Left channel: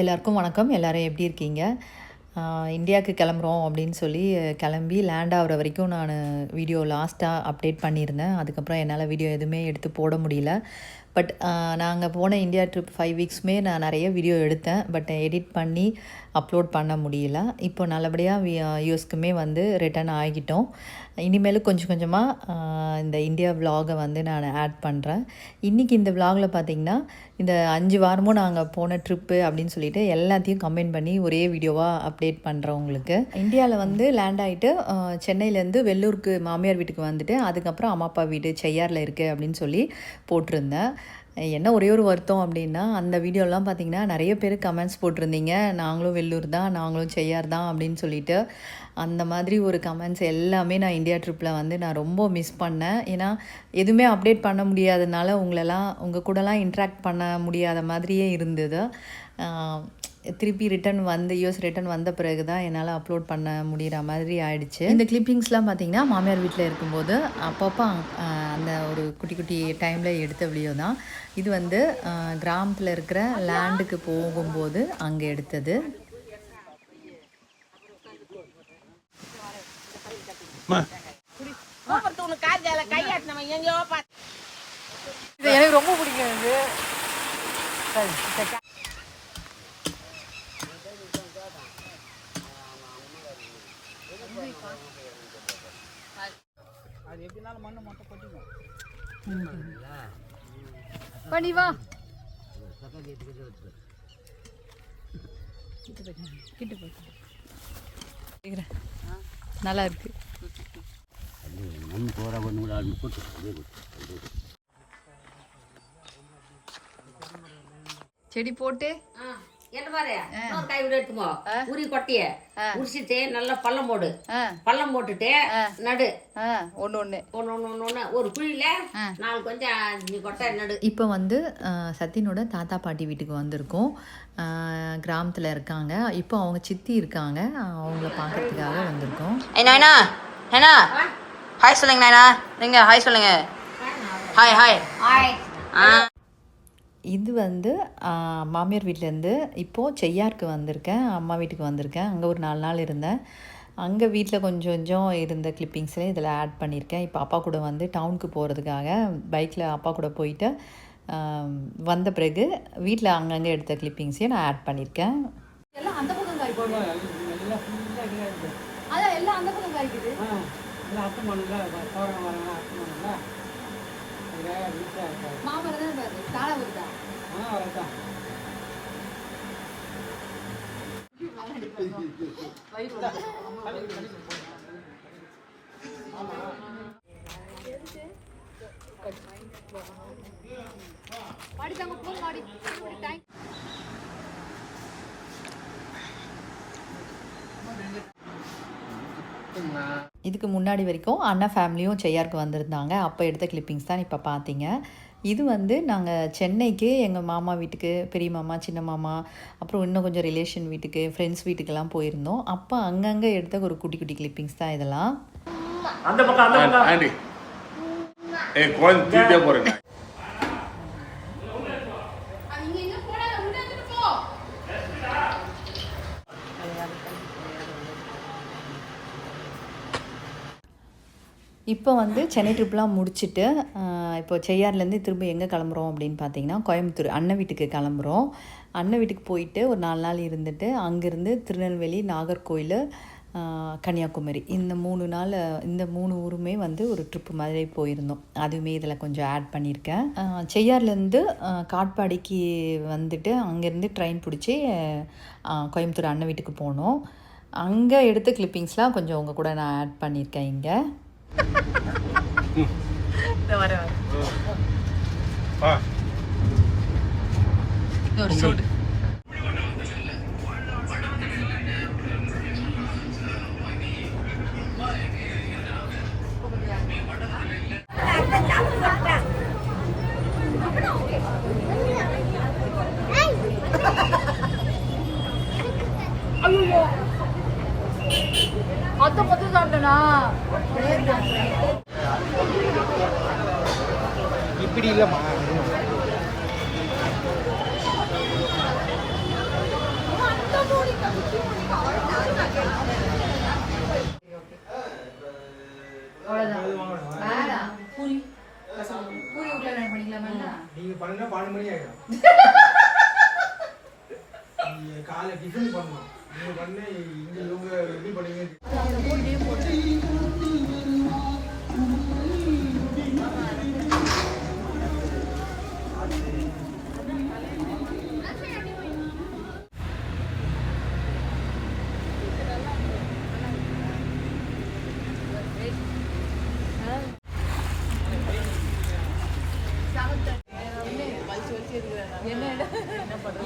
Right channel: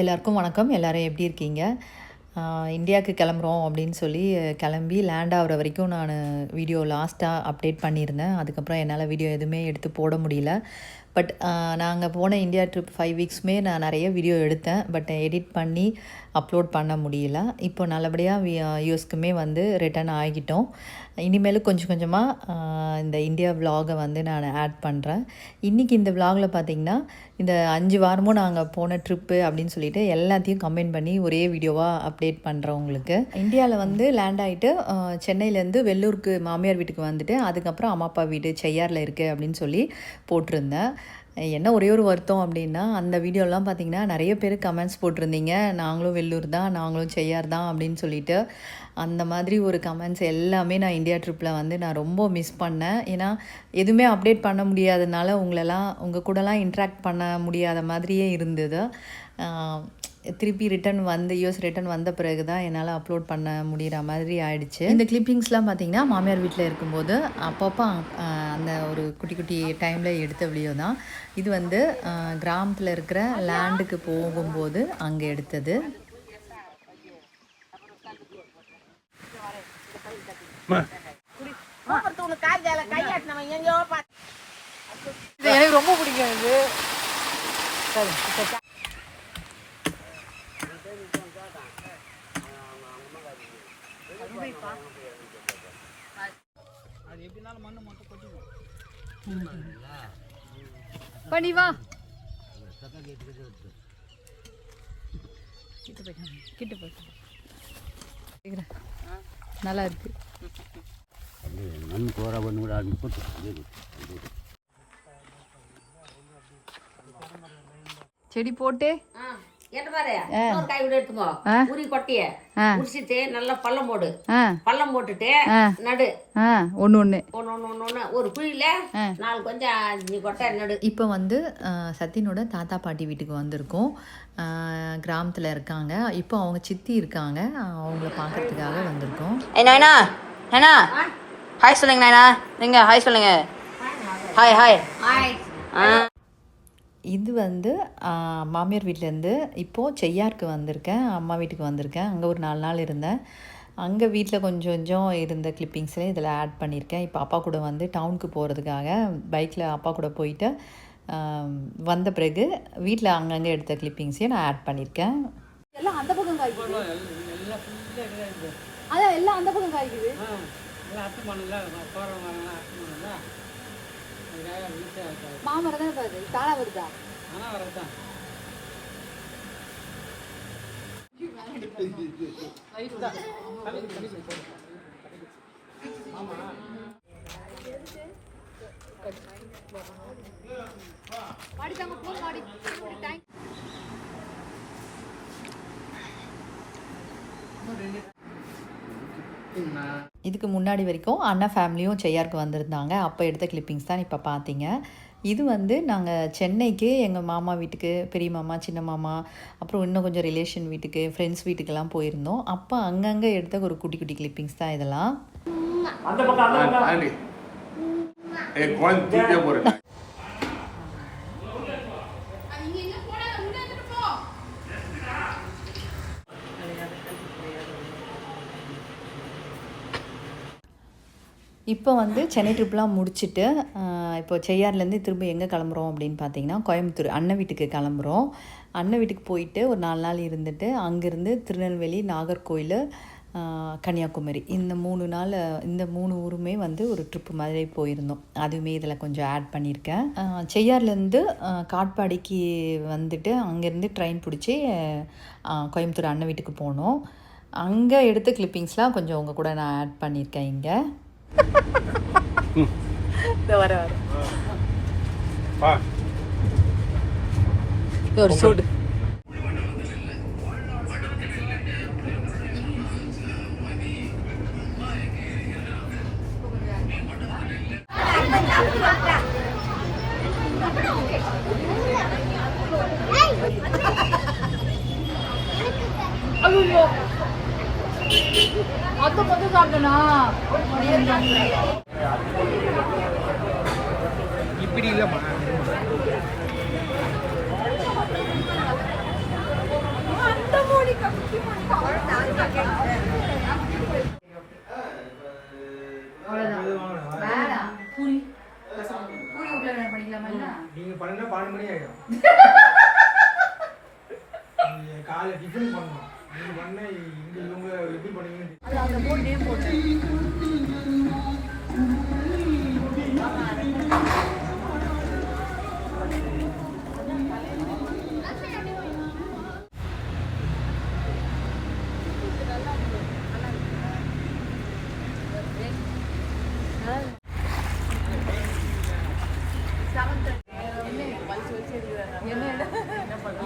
எல்லாருக்கும் வணக்கம். எல்லோரும் எப்படி இருக்கீங்க? இந்தியாவுக்கு கிளம்புறோம் அப்படின்னு சொல்லி கிளம்பி லேண்ட் ஆகிற வரைக்கும் நான் வீடியோ லாஸ்ட்டாக அப்டேட் பண்ணியிருந்தேன். அதுக்கப்புறம் என்னால் வீடியோ எதுவுமே எடுத்து போட முடியல. பட் நாங்கள் போன இந்தியா ட்ரிப் 5 வீக்ஸுமே நான் நிறைய வீடியோ எடுத்தேன். பட் எடிட் பண்ணி அப்லோட் பண்ண முடியல. இப்போ நல்லபடியாக யூஎஸ்க்குமே வந்து ரிட்டர்ன் ஆகிட்டோம். இனிமேலும் கொஞ்சம் கொஞ்சமாக இந்த இந்தியா விலாகை வந்து நான் ஆட் பண்ணுறேன். இன்றைக்கி இந்த விலாகில் பார்த்திங்கன்னா இந்த 5 வாரமும் நாங்கள் போன ட்ரிப்பு அப்படின்னு சொல்லிட்டு எல்லாத்தையும் கம்பைன் பண்ணி ஒரே வீடியோவாக அப்டேட் பண்ணுறோம் உங்களுக்கு. இந்தியாவில் வந்து லேண்ட் ஆகிட்டு சென்னையிலேருந்து வெள்ளூருக்கு மாமியார் வீட்டுக்கு வந்துட்டு அதுக்கப்புறம் அம்மா அப்பா வீடு செய்யாரில் இருக்குது அப்படின்னு சொல்லி போட்டிருந்தேன். என்ன ஒரே ஒரு வருத்தம் அப்படின்னா அந்த வீடியோலாம் பார்த்திங்கன்னா நிறைய பேர் கமெண்ட்ஸ் போட்டிருந்தீங்க, நாங்களும் வெள்ளூர் தான், நாங்களும் செய்யார் தான் அப்படின்னு சொல்லிட்டு. அந்த மாதிரி ஒரு கமெண்ட்ஸ் எல்லாமே நான் இந்தியா ட்ரிப்பில் வந்து நான் ரொம்ப மிஸ் பண்ணேன். ஏன்னா எதுவுமே அப்டேட் பண்ண முடியாதனால உங்கள் கூடலாம் இன்ட்ராக்ட் பண்ண முடியாத மாதிரியே இருந்தது. திருப்பி யூஎஸ் ரிட்டன் வந்த பிறகு தான் என்னால் அப்லோட் பண்ண முடிகிற மாதிரி ஆயிடுச்சு. இந்த கிளிப்பிங்ஸ்லாம் பார்த்திங்கன்னா மாமியார் வீட்டில் இருக்கும்போது அப்பப்போ அந்த ஒரு குட்டி குட்டி டைமில் எடுத்த வீடியோ தான். இது வந்து கிராமத்தில் இருக்கிற லேண்டுக்கு போகும்போது அங்கே எடுத்தது. எனக்கு ரொம்ப பிடிக்கும் இது. சரி பண்ணி வா கிட்ட போய் நல்லா இருக்கு. செடி போட்டு நல்லா பள்ளம் போடு. பள்ளம் போட்டுட்டு நடு ஒன்று ஒரு குழியில 4 கொஞ்சம் கொட்டை நடு. இப்போ வந்து சத்தினோட தாத்தா பாட்டி வீட்டுக்கு வந்திருக்கோம். கிராமத்தில் இருக்காங்க. இப்போ அவங்க சித்தி இருக்காங்க, அவங்கள பார்க்கறதுக்காக வந்திருக்கோம். நைனா நைனா ஹாய் சொல்லுங்க. நைனா நீங்க ஹாய் சொல்லுங்க. Hi hi hi. இது வந்து மாமியார் வீட்டிலேருந்து இப்போது செய்யாருக்கு வந்திருக்கேன், அம்மா வீட்டுக்கு வந்திருக்கேன். அங்கே ஒரு 4 நாள் இருந்தேன். அங்கே வீட்டில் கொஞ்சம் கொஞ்சம் இருந்த கிளிப்பிங்ஸ்லேயும் இதில் ஆட் பண்ணியிருக்கேன். இப்போ அப்பா கூட வந்து டவுனுக்கு போகிறதுக்காக பைக்கில் அப்பா கூட போயிட்டு வந்த பிறகு வீட்டில் அங்கங்கே எடுத்த கிளிப்பிங்ஸையும் நான் ஆட் பண்ணியிருக்கேன். எல்லாம் அந்த பக்கம் காய்க்குது. அதான் எல்லாம் அந்த பக்கம் காய்க்குது. மாமரம் தான் பாரு, தாளா வருதா? இதுக்கு முன்னாடி வரைக்கும் அண்ணா ஃபேமிலியும் செய்யாருக்கு வந்திருந்தாங்க. அப்போ எடுத்த கிளிப்பிங்ஸ் தான் இப்போ பார்த்தீங்க. இது வந்து நாங்கள் சென்னைக்கு எங்கள் மாமா வீட்டுக்கு, பெரிய மாமா, சின்ன மாமா, அப்புறம் இன்னும் கொஞ்சம் ரிலேஷன் வீட்டுக்கு, ஃப்ரெண்ட்ஸ் வீட்டுக்கெல்லாம் போயிருந்தோம். அப்போ அங்கங்கே எடுத்த ஒரு குட்டி குட்டி கிளிப்பிங்ஸ் தான் இதெல்லாம். இப்போ வந்து சென்னை ட்ரிப்லாம் முடிச்சுட்டு இப்போ செய்யார்லேருந்து திரும்ப எங்கே கிளம்புறோம் அப்படின்னு பார்த்தீங்கன்னா கோயம்புத்தூர் அண்ணன் வீட்டுக்கு கிளம்புறோம். அண்ணன் வீட்டுக்கு போயிட்டு ஒரு 4 நாள் இருந்துட்டு அங்கேருந்து திருநெல்வேலி, நாகர்கோயில், கன்னியாகுமரி இந்த 3 ஊருமே வந்து ஒரு ட்ரிப்பு மாதிரி போயிருந்தோம். அதுவுமே இதில் கொஞ்சம் ஆட் பண்ணியிருக்கேன். செய்யார்லேருந்து காட்பாடிக்கு வந்துட்டு அங்கேருந்து ட்ரெயின் பிடிச்சி கோயம்புத்தூர் அண்ணன் வீட்டுக்கு போனோம். அங்கே எடுத்த கிளிப்பிங்ஸ்லாம் கொஞ்சம் உங்கள் கூட நான் ஆட் பண்ணியிருக்கேன். இங்கே வர ஒரு சூடு ஐயோ அத்தை பத்து சாப்பிட்டனா இப்படி இல்லைம்மா. காலைல டிஃபன் பண்ணணும். நீங்க பண்ண இங்க இவங்க எப்படி பண்ணீங்க? அது அந்த போர்ட் நேம் போட்டு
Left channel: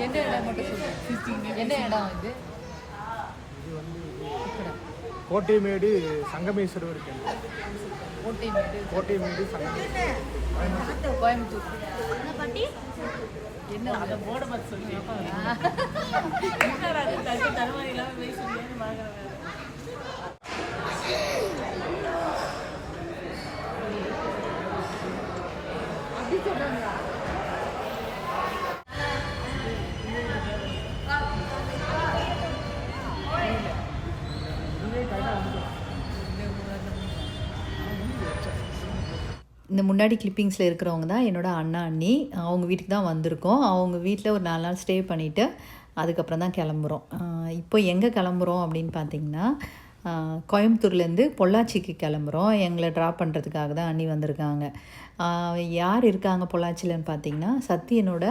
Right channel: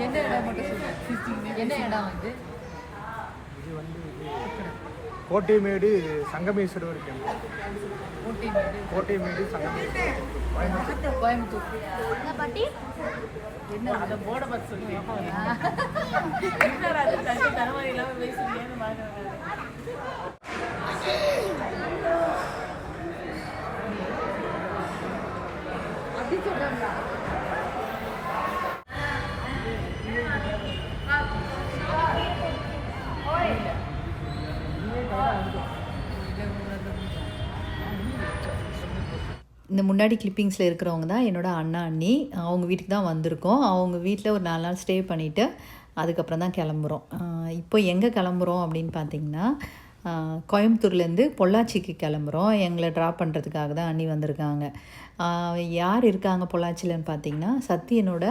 என்ன இடம் மட்டும் சொல்லுங்க. என்ன இடம் இது? இது வந்து கோட்டைமேடு சங்கமேஸ்வரர் டெம்பிள். கோட்டைமேடு சங்கமேஸ்வரர் கோயம்புத்தூர். என்ன அதை போட பார்த்து சொல்லி அது தட்டு தலைமுறை இல்லாமல் பேசுறீங்கன்னு அப்படி சொல்றாங்களா? இந்த முன்னாடி கிளிப்பிங்ஸில் இருக்கிறவங்க தான் என்னோடய அண்ணா அண்ணி. அவங்க வீட்டுக்கு தான் வந்திருக்கோம். அவங்க வீட்டில் ஒரு 4 நாள் ஸ்டே பண்ணிவிட்டு அதுக்கப்புறம் தான் கிளம்புறோம். இப்போ எங்கே கிளம்புறோம் அப்படின்னு பார்த்தீங்கன்னா, கோயம்புத்தூர்லேருந்து பொள்ளாச்சிக்கு கிளம்புறோம். எங்களை ட்ராப் பண்ணுறதுக்காக தான் அண்ணி வந்திருக்காங்க. யார் இருக்காங்க பொள்ளாச்சியிலன்னு பார்த்தீங்கன்னா, சத்தியனோட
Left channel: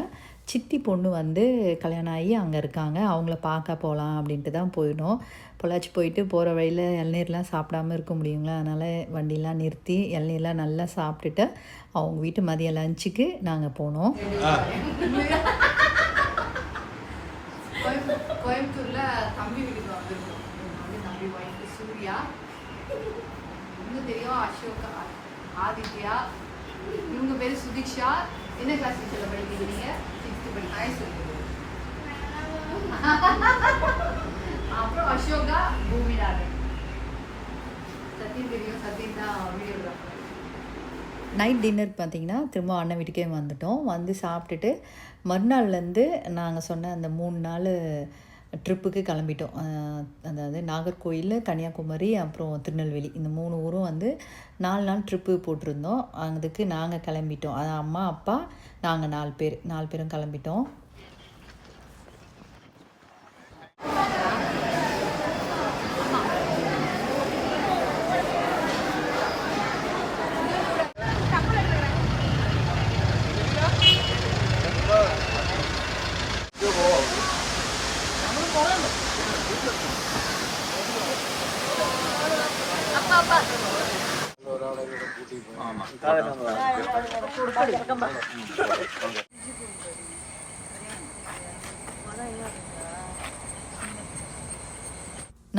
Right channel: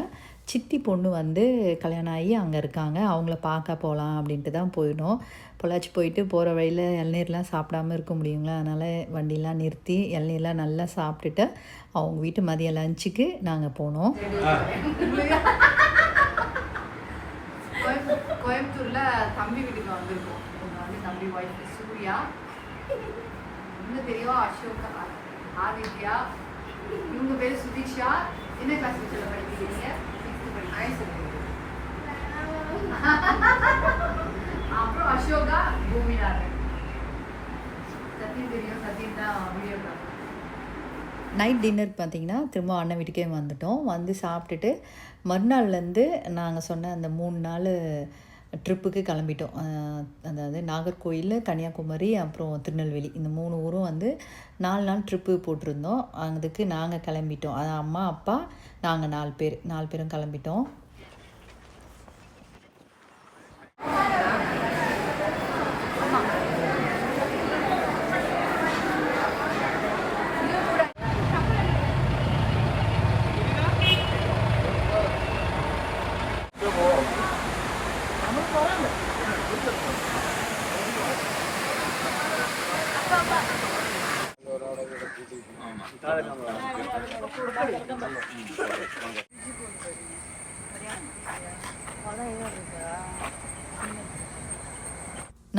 சித்தி பொண்ணு வந்து கல்யாணம் ஆகி அங்கே இருக்காங்க. அவங்கள பார்க்க போகலாம் அப்படின்ட்டு தான் போயிடும். பொள்ளாச்சி போயிட்டு போகிற வழியில் இளநீர்லாம் சாப்பிடாமல் இருக்க முடியுங்களா? அதனால் வண்டிலாம் நிறுத்தி இளநீர்லாம் நல்லா சாப்பிட்டுட்டு அவங்க வீட்டு மதிய லஞ்சுக்கு நாங்கள் போனோம். கோயம்புத்தூரில் தம்பி வீட்டுக்கு வந்திருக்கோம். வந்து தம்பி ஒய்ஃபு சூர்யா, இன்னும் தெரியும் அசோகா, ஆதித்யா, இவங்க பேர் சுதீஷா. என்ன கிளாஸ் படிக்கிறீங்க? 6th படிக்கிறேன். அப்புறம் அசோகா, பூமிநாதன். சத்தியம் தெரியும், சத்தியம் தான் வீடியோ. நைட் டின்னர் பார்த்திங்கன்னா திரும்ப அண்ணன் வீட்டுக்கே வந்துட்டோம். வந்து சாப்பிட்டுட்டு மறுநாள்லேருந்து நாங்கள் சொன்ன அந்த 3 நாள் ட்ரிப்புக்கு கிளம்பிட்டோம். அதாவது நாகர்கோயில், கன்னியாகுமரி, அப்புறம் திருநெல்வேலி, இந்த 3 ஊரும் வந்து 4 நாள் ட்ரிப்பு போட்டிருந்தோம். அதுக்கு நாங்கள் கிளம்பிட்டோம். அது அம்மா, அப்பா, நாங்கள் 4 பேரும் கிளம்பிட்டோம்.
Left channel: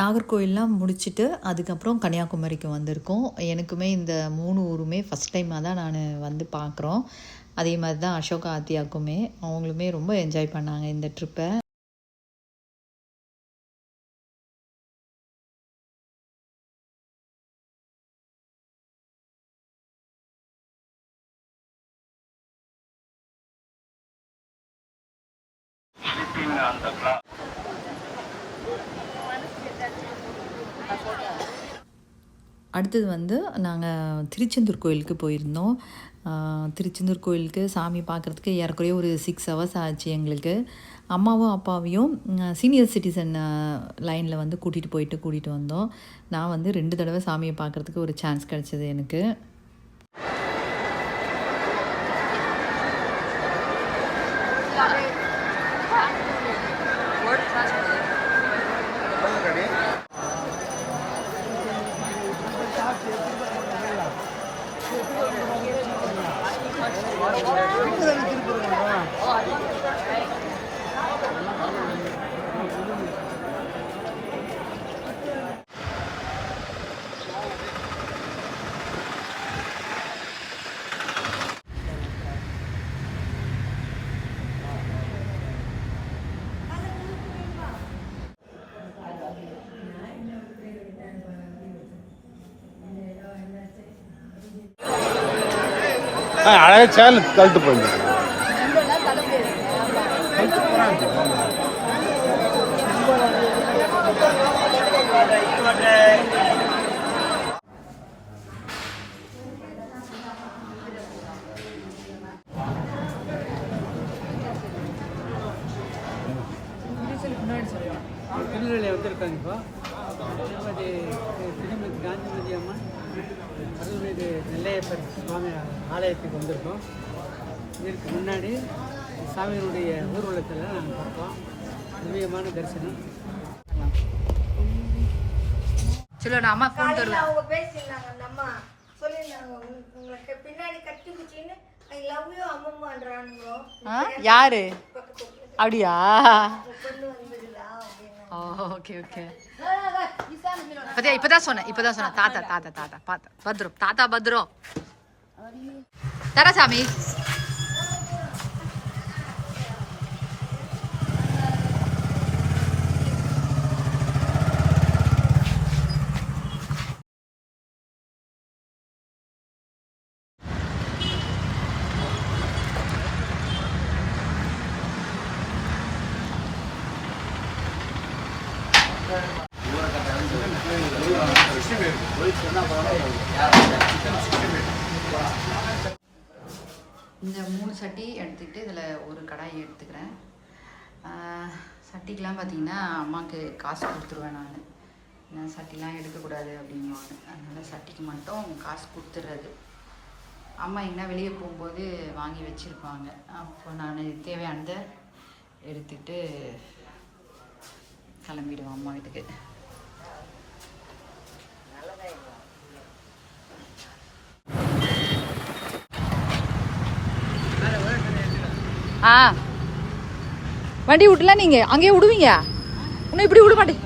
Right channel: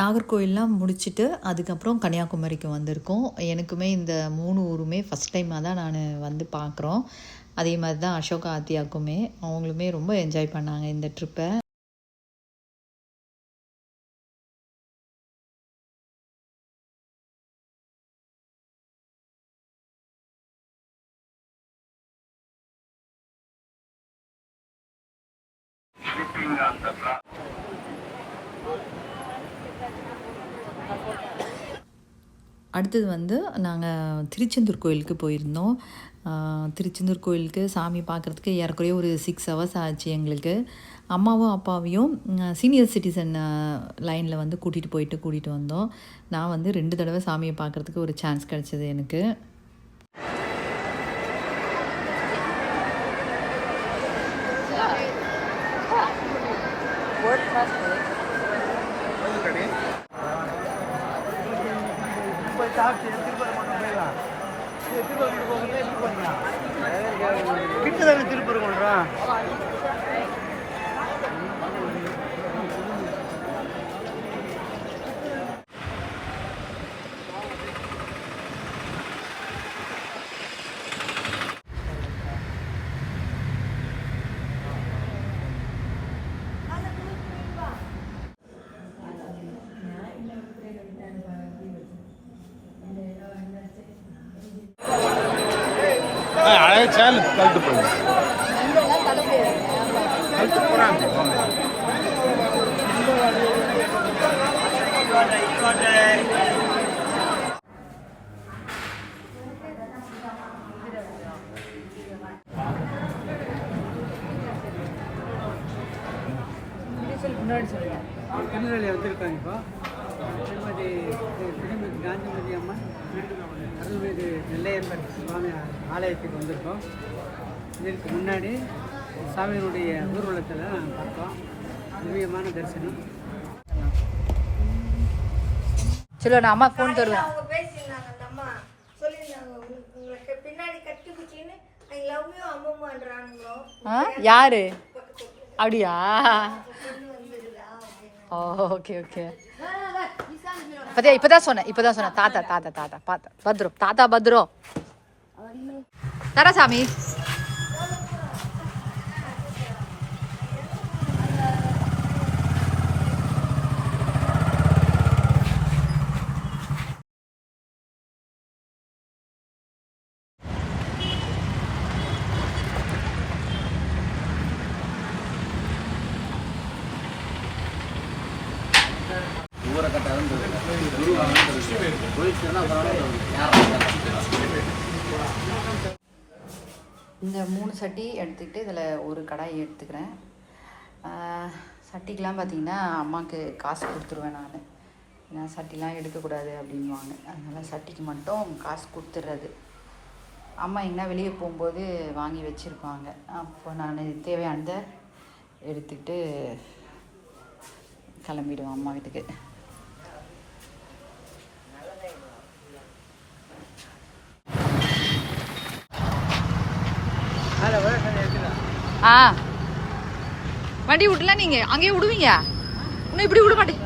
நாகர்கோயிலெலாம் முடிச்சுட்டு அதுக்கப்புறம் கன்னியாகுமரிக்கு வந்திருக்கோம். எனக்குமே இந்த 3 ஊருமே ஃபஸ்ட் டைமாக தான் நான் வந்து பார்க்குறோம். அதே மாதிரி தான் அசோகா ஆத்தியாக்குமே. அவங்களுமே ரொம்ப என்ஜாய் பண்ணாங்க இந்த ட்ரிப்பை. அடுத்தது வந்து நாங்கள் திருச்செந்தூர் கோயிலுக்கு போயிருந்தோம். திருச்செந்தூர் கோயிலுக்கு சாமி பார்க்குறதுக்கு ஏறக்குறைய ஒரு 6 ஹவர்ஸ் ஆச்சு எங்களுக்கு. அம்மாவும் அப்பாவையும் சீனியர் சிட்டிசன் லைனில் வந்து கூட்டிகிட்டு வந்தோம். நான் வந்து 2 தடவை சாமியை பார்க்குறதுக்கு ஒரு சான்ஸ் கிடச்சிது எனக்கு. அழகாக சேனல் கழுத்து போகுது. முன்னாடி சொல்லலாம். திருநெல்வேலி வந்திருக்காங்க இப்போ திருமதி திருமதி காந்திமதி அம்மன் அருள்மிகு நெல்லையப்பர் சுவாமி ஆலயத்துக்கு வந்திருக்கோம். இதற்கு முன்னாடி சாமியினுடைய ஊர்வலத்தில் நாங்கள் பார்த்தோம். திவ்யமான தரிசனம். சரி நான் அம்மா ஃபோன் தருவேன். அவங்க பேசியிருந்தாங்க அந்த அம்மா சொல்லியிருந்தாங்க உங்களுக்கு பின்னாடி கட்டி பிடிச்சின்னு ஐ லவ் யூ அம்மம்மான்றானுங்களோ யாரு அப்படியா? Okay okay. பத்தியா இப்பதான் சொன்னேன் தாத்தா தாத்தா தாத்தா பாத்தா பத்ரம் தாத்தா பத்ரம் தரா சாமி. இந்த 3 சட்டி எடுத்துக்கிட்டு இதில் ஒரு கடாய் எடுத்துக்கிறேன். சட்டிக்கெலாம் பார்த்தீங்கன்னா அம்மாவுக்கு காசு கொடுத்துருவேன் நான். ஏன்னா சட்டிலாம் எடுக்கக்கூடாது அப்படின்வாங்க. அதனால் சட்டிக்கு மட்டும் காசு கொடுத்துட்றது. அம்மா எங்கன்னா வெளியே போகும்போது வாங்கி வச்சுருப்பாங்க. அப்போ நான் தேவையானதை எடுத்துக்கிட்டு கிளம்பிடுவேன் அம்மா வீட்டுக்கு. வண்டி விட்டுலாம் நீங்க அங்கேயே விடுவீங்க. இன்னும் இப்படி விட மாட்டேன்.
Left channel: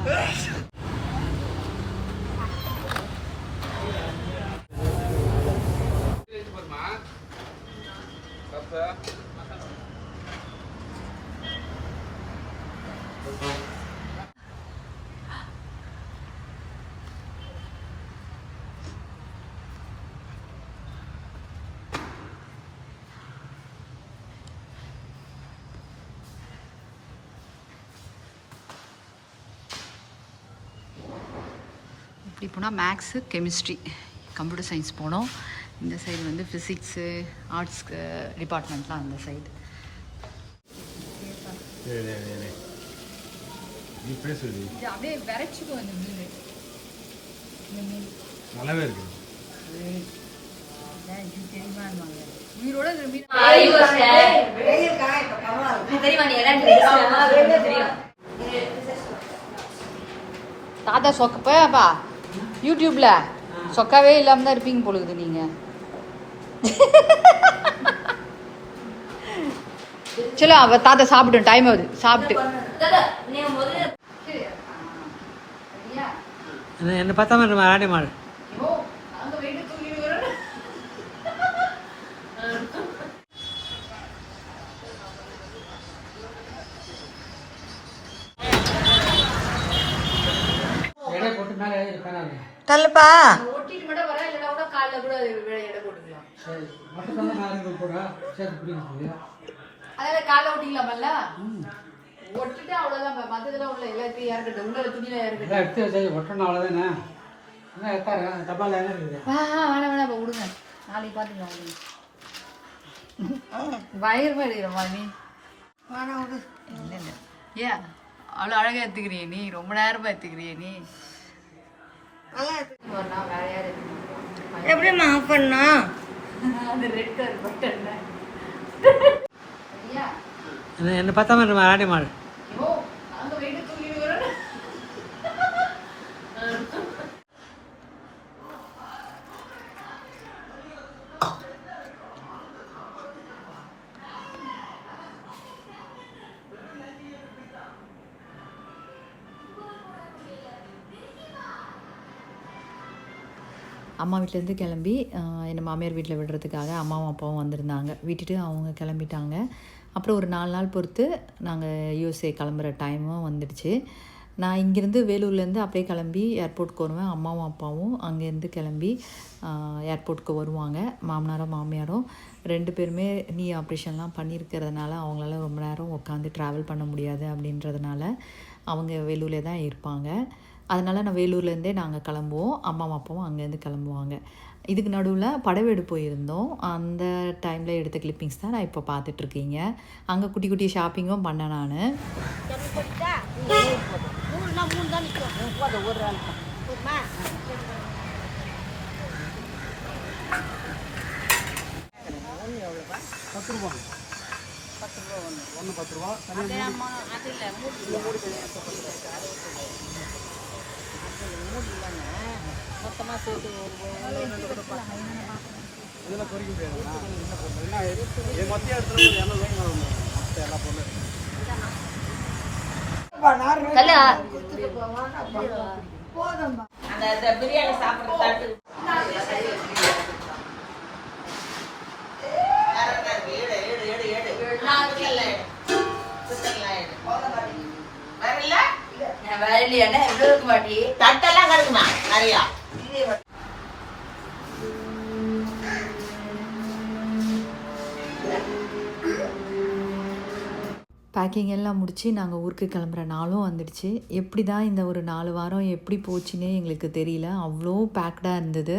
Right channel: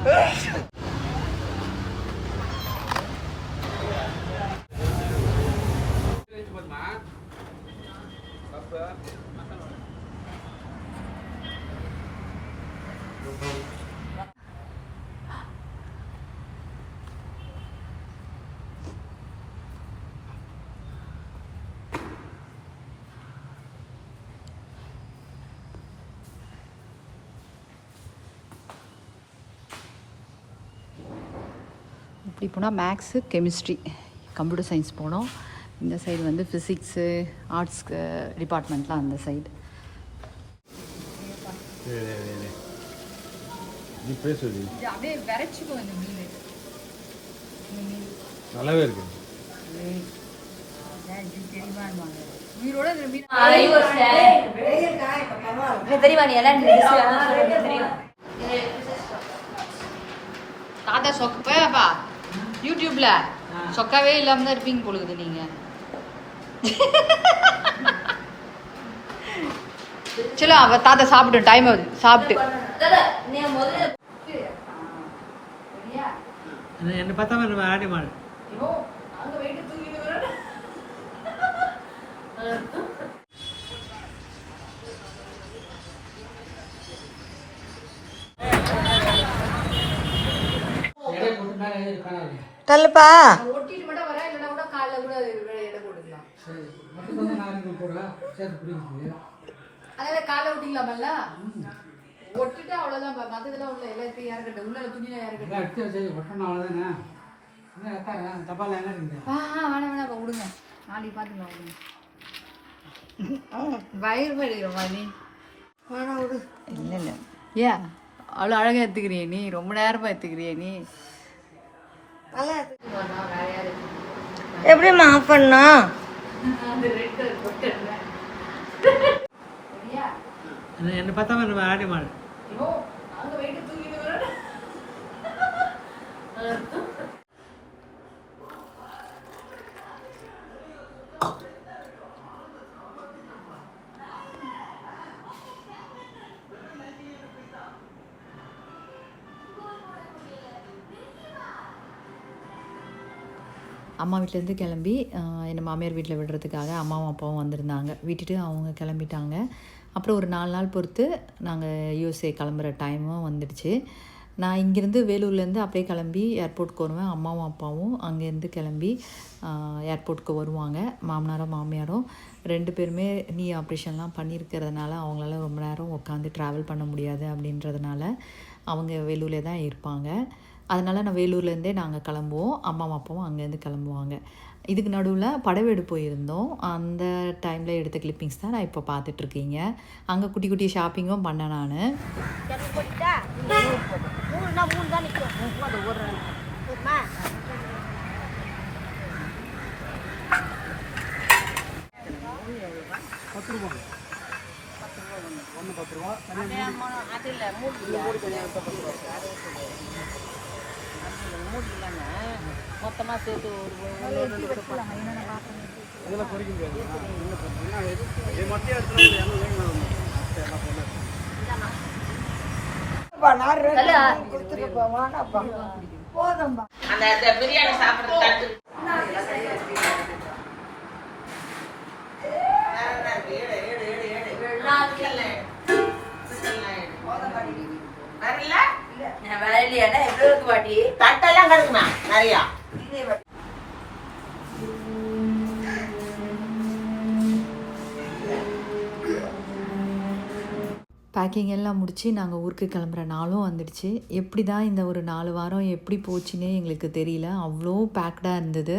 இப்படி போனால் மேக்ஸு கெமிஸ்ட்ரி கம்ப்யூட்டர் சயின்ஸ் போனோம். இந்த சைடு வந்து ஃபிசிக்ஸு ஆர்ட்ஸ் டிபார்ட்மெண்ட்லாம் அந்த சைடு. அப்படியே விரைச்சிக்கும் இந்த மீன். இந்த மீன் நல்லாவே இருக்கு. தெரியுமான்வாங்க உயிரோட இந்த மீன் தெரியுமா நீ எல்லாம் தெரியும். தாத்தா சொக்கப்பா யூடியூப்ல சொக்காவே இல்லாம தான் இருப்பீங்க பொழுது நீங்க. சரி அவ தாத்தா சாப்பிட்டு டைம் ஆகுது சாப்பிட்டு. என்னை பார்த்தா மாதிரி நம்ம ஆடி மாடு. தள்ளுப்பா ஒட்டிட்டு மட்டும் வர இல்லைன்னா கூட காலைல கூட எடை போட்டுக்கலாம். அதெல்லாம் காலைல ஒட்டிக்கலாமல்ல. ஒட்டிட்டு அவ்வளோதான். மற்றதெல்லாம் உள்ள எல்லாத்தையும் இறக்கட்டும். உள்ள துணியெல்லாம் இறக்கட்டும். எடுத்து வச்சு ஒட்டணும் அவ்வளோதானே. டப்பால் என்ன இருக்குது? வேணாம் இப்போ விடுங்க. நாளைக்கு பார்த்துக்கலாம். பயங்கரமாக எடுக்கிறோமா நீ? வேணாம் விடு. இல்லை இல்லை ஏன் அவ்வளோ அழகாக எடுத்துக்கிறிய நீ? ரொம்ப நேரமாக எடுத்துக்கிறிய நீ? எப்படிம்மா ஆஃப் பண்ணா? என்னை பார்த்தா மாதிரி நம்ம ஆடி மாடு. அம்மா வீட்டிலேருந்து கிளம்பி என்னை மாமியார் வீட்டில் விடுறதுக்காக அம்மாவும் அப்பாவும் வந்திருந்தாங்க. விட்டுட்டு அவங்க கிளம்பிட்டாங்க. அப்புறம் ஒரு 4 நாள் பொறுத்து நாங்கள் யூஎஸ்ஏ கிளம்புற டைமும் வந்துடுச்சு. நான் இங்கேருந்து வேலூர்லேருந்து அப்படியே கிளம்பி ஏர்போர்ட்டுக்கு வருவேன். அம்மாவும் அப்பாவும் அங்கேருந்து கிளம்பி ஏர்போர்ட்டுக்கு வருவாங்க. மாமனாரும் மாமியாரும் 2 பேருமே நீ ஆப்ரேஷன்லாம் பண்ணியிருக்கிறதுனால அவங்களால ரொம்ப நேரம் உட்காந்து ட்ராவல் பண்ண முடியாது அப்படின்றதுனால அவங்க வேலூர்லேயே தான் இருப்பாங்க. அதனால் நான் வேலூர்லேருந்தே நாங்கள் கிளம்புவோம். அம்மாவும் அப்பாவும் அங்கேருந்து கிளம்புவாங்க. இதுக்கு நடுவில் படவேடு போயிருந்தோம். அந்த டைமில் எடுத்த கிளிப்பிங்ஸ் தான் நான் இப்போ பார்த்துட்ருக்கீங்க. அங்கே குட்டி குட்டி ஷாப்பிங்கும் பண்ணேன் நான். மொத்தமாக சேர்த்து இதெல்லாம் குறைக்க முடியாதுண்ணா. இது மத்திய இடத்துல எண்ணெய் வாங்கி வரணும். எல்லா பொருளும் அந்த பிரியாணி சாப்பிட்றது தட்டு தட்டெல்லாம் கிடக்குமா நிறையா. பேக்கிங் எல்லாம் முடித்து நாங்கள் ஊருக்கு கிளம்புற நாளும் வந்துடுச்சு. எப்படி தான் இந்த ஒரு 4 வாரம் எப்படி போச்சுன்னே எங்களுக்கு தெரியல. அவ்வளோ பேக்டாக இருந்தது.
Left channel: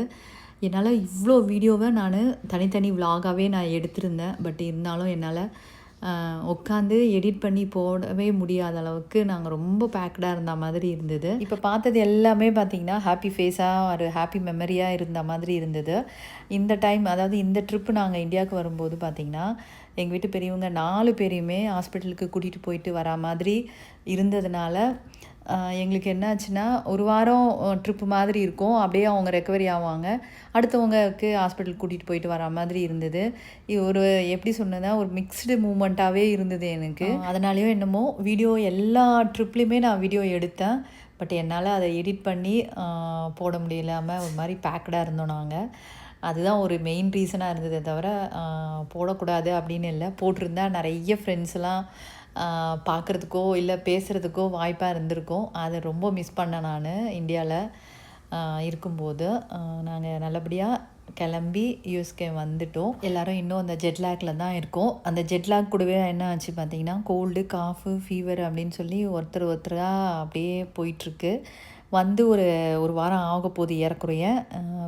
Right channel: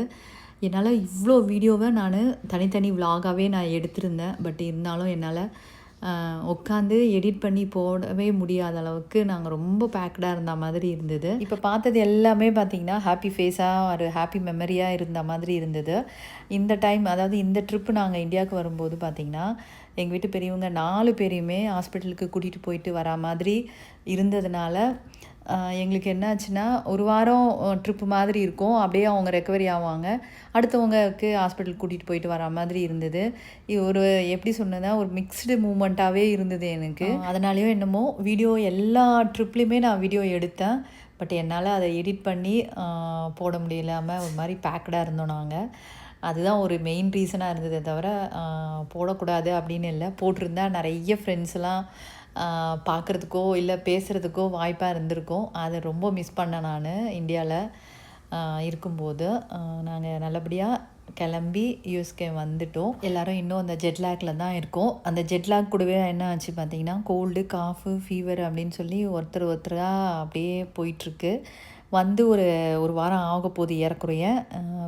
என்னால் இவ்வளோ வீடியோவை நான் தனித்தனி விலாகாகவே நான் எடுத்திருந்தேன். பட் இருந்தாலும் என்னால் உட்காந்து எடிட் பண்ணி போடவே முடியாத அளவுக்கு நாங்கள் ரொம்ப பேக்டாக இருந்த மாதிரி இருந்தது. இப்போ பார்த்தது எல்லாமே பார்த்திங்கன்னா ஹாப்பி ஃபேஸாக ஒரு ஹாப்பி மெமரியாக இருந்த மாதிரி இருந்தது. இந்த டைம் அதாவது இந்த ட்ரிப்பு நாங்கள் இந்தியாவுக்கு வரும்போது பார்த்திங்கன்னா எங்கள் வீட்டு பெரியவங்க 4 பேரையுமே ஹாஸ்பிட்டலுக்கு கூட்டிகிட்டு போயிட்டு வரா மாதிரி இருந்ததுனால எங்களுக்கு என்னாச்சுன்னா ஒரு வாரம் ட்ரிப்பு மாதிரி இருக்கும். அப்படியே அவங்க ரெக்கவரி ஆவாங்க, அடுத்தவங்களுக்கு ஹாஸ்பிட்டல் கூட்டிகிட்டு போயிட்டு வரா மாதிரி இருந்தது. இது ஒரு எப்படி சொன்னதுன்னா ஒரு மிக்ஸ்டு மூமெண்ட்டாகவே இருந்தது எனக்கு. அதனாலேயோ என்னமோ வீடியோ எல்லா ட்ரிப்லேயுமே நான் வீடியோ எடுத்தேன். பட் என்னால் அதை எடிட் பண்ணி போட முடியலாமல் ஒரு மாதிரி பேக்கடாக இருந்தோம் நாங்கள். அதுதான் ஒரு மெயின் ரீசனாக இருந்ததே தவிர போடக்கூடாது அப்படின்னு இல்லை. போட்டிருந்தா நிறைய ஃப்ரெண்ட்ஸ்லாம் பார்க்குறதுக்கோ இல்லை பேசுகிறதுக்கோ வாய்ப்பாக இருந்திருக்கும். அதை ரொம்ப மிஸ் பண்ணேன் நான் இந்தியாவில் இருக்கும்போது. நாங்கள் நல்லபடியாக கிளம்பி யூஎஸ்கே வந்துட்டோம். எல்லோரும் இன்னும் அந்த ஜெட்லாகில் தான் இருக்கோம். அந்த ஜெட்லாக் கூடவே என்ன ஆச்சு பார்த்திங்கன்னா கோல்டு, காஃபு, ஃபீவர் அப்படின்னு சொல்லி ஒருத்தராக அப்படியே போயிட்டுருக்கு. வந்து ஒரு வாரம் ஆக போகுது ஏறக்குறைய.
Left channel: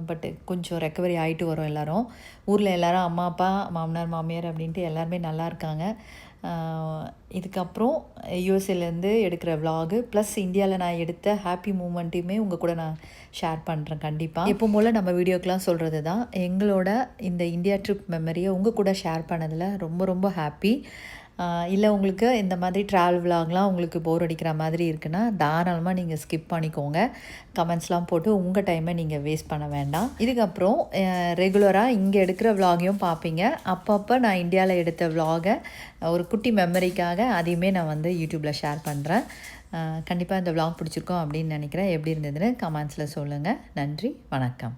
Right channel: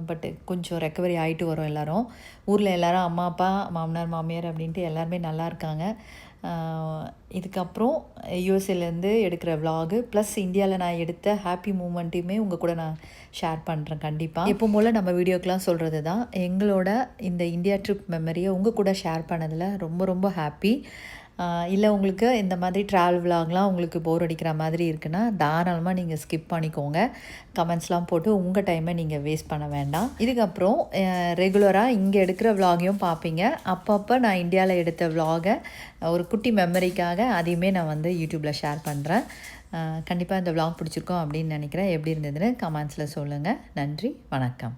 பட்டு கொஞ்சம் ரெக்கவரி ஆகிட்டு வரோம் எல்லோரும். ஊரில் எல்லோரும் அம்மா அப்பா மாமனார் மாமியார் அப்படின்ட்டு எல்லாருமே நல்லா இருக்காங்க. இதுக்கப்புறம் யூஎஸ்ஏலேருந்து எடுக்கிற விலாகு ப்ளஸ் இந்தியாவில் நான் எடுத்த ஹாப்பி மூமெண்ட்டையுமே உங்கள் கூட நான் ஷேர் பண்ணுறேன் கண்டிப்பாக. எப்போ போல் நம்ம வீடியோக்கெலாம் சொல்கிறது தான் எங்களோட இந்த இந்தியா ட்ரிப் மெமரியை உங்கள் கூட ஷேர் பண்ணதில் ரொம்ப ரொம்ப ஹாப்பி. இல்லை உங்களுக்கு இந்த மாதிரி ட்ராவல் விலாக்லாம் உங்களுக்கு போர் அடிக்கிற மாதிரி இருக்குன்னா தாராளமாக நீங்கள் ஸ்கிப் பண்ணிக்கோங்க. கமெண்ட்ஸ்லாம் போட்டு உங்கள் டைமை நீங்கள் வேஸ்ட் பண்ண வேண்டாம். இதுக்கப்புறம் ரெகுலராக இங்கே எடுக்கிற விலாகையும் பார்ப்பீங்க. அப்பப்போ நான் இந்தியாவில் எடுத்த விலாகை ஒரு குட்டி மெமரிக்காக அதையுமே நான் வந்து யூடியூப்பில் ஷேர் பண்ணுறேன். கண்டிப்பாக இந்த விலாக் பிடிச்சிருக்கோம் அப்படின்னு நினைக்கிறேன். எப்படி இருந்ததுன்னு கமெண்ட்ஸில் சொல்லுங்கள். நன்றி, வணக்கம்.